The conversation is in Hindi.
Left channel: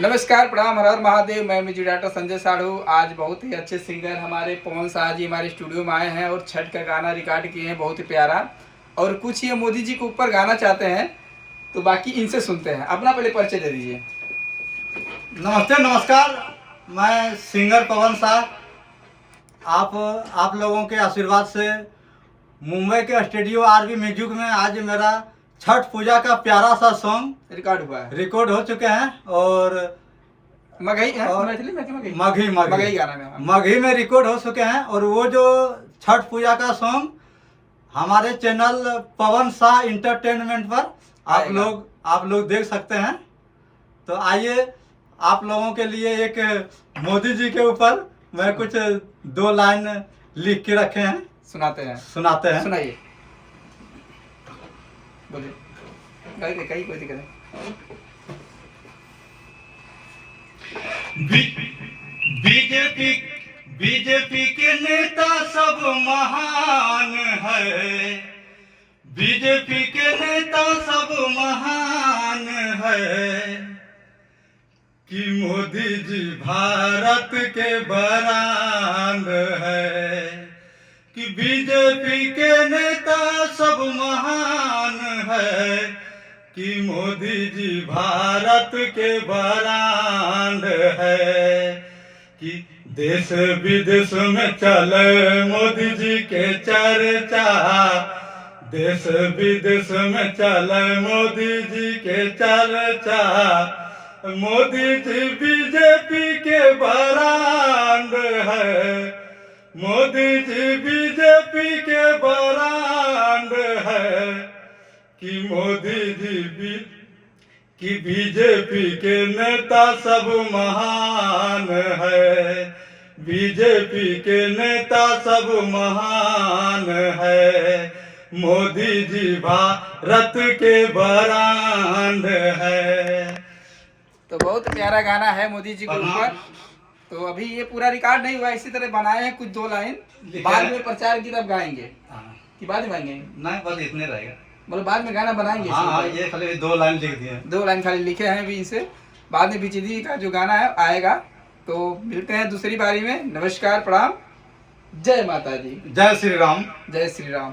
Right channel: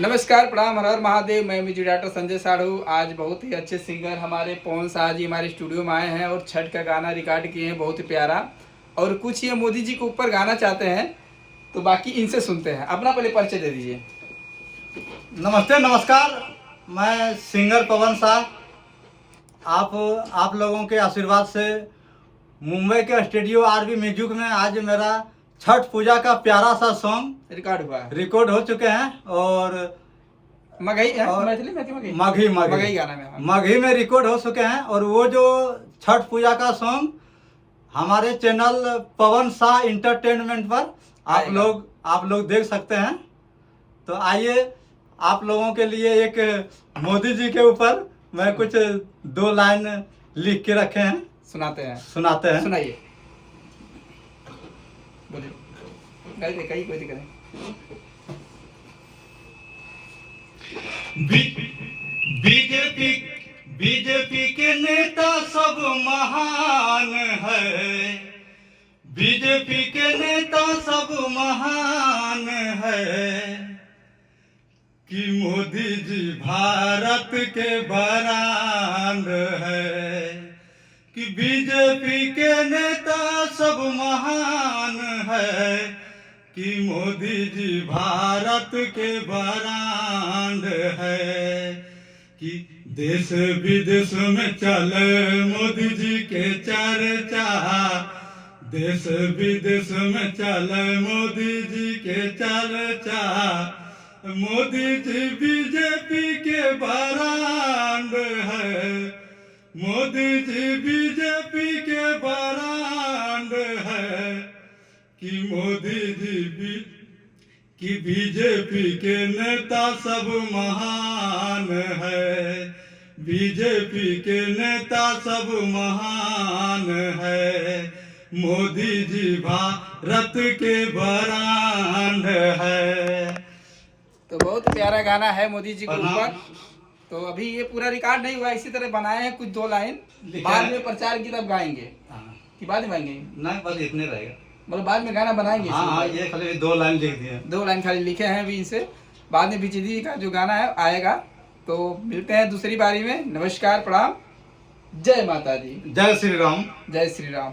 नमस्कार, प्रणाम, हर हर महादेव। मैं म्यूजिक डायरेक्टर संजय साढ़ू। आज बहुत ही अच्छे सिंगर हमारे पवन शाह जी हमारे स्टूडियो में आए हैं और छठ का गाना रिकॉर्ड किए हैं, बहुत ही प्यारा। और कुछ ये मोदी जी के ऊपर गाना चाहते हैं, तो बाकी इनसे सुनते हैं। अपना पहले परिचय दे दीजिए। नमस्ते, नमस्कार। मैं सिंगर पवन शाह। आप लोगों के आशीर्वाद से मुंबई के स्टूडियो आरबी म्यूजिक में आज मेरा छठ पूजा का प्यारा सा सॉन्ग रिकॉर्ड हुआ है, रिकॉर्ड हो चुके हैं और मगही है, और मैथिली में मगही मगही मगही गाना में, हाँ। मगही में रिकॉर्ड हो चुके हैं। और वो जो छठ पूजा का सॉन्ग हमारे चैनल पवन शाह इंटरटेनमेंट पर आप लोग देख सकते हैं। तो आइए, आप लोगों के लिए एक मोदी जी के ऊपर मैं कुछ 2 लाइन लिख के रखे हैं, सुनाते हैं। सुनाइए। बोलिए, कहीं कोई दिक्कत नहीं। बीजेपी के नेता सब महान है, बीजेपी के नेता सब महान है कि मोदी जी भारत के बरांड है, कि बीजेपी के नेता सब महान है कि मोदी जी भारत के बरांड है, कि देश विदेश में चले मोदी जी के चर्चा, देश विदेश में चले मोदी जी के चर्चा, मोदी जी बीजेपी के बरांड है, मोदी जी बीजेपी के बरांड है कि मोदी जी कि बीजेपी के नेता सब महान है, बीजेपी के नेता सब महान है, मोदी जी भारत के बरांड है। तो बहुत प्यारा गाना है मोदी जी के ऊपर। तो अभी ये पूरा रिकॉर्ड नहीं हुआ, इसी तरह बनाए हैं कुछ 2 लाइन, बाद में प्रचार की तब गाएंगे कि बाद में गाएंगे? नहीं, बस इतने रहेगा, मतलब बाद में गाना बनाएंगे। हाँ, ये खाली 2 लाइन लिख दिए, 2 लाइन खाली लिखे हैं अभी इनसे। बाद में बीजेपी का जो गाना है आएगा। तो मिलते हैं दूसरी बारी में। नमस्कार, प्रणाम, जय माता दी, जय श्री राम। जय श्री राम।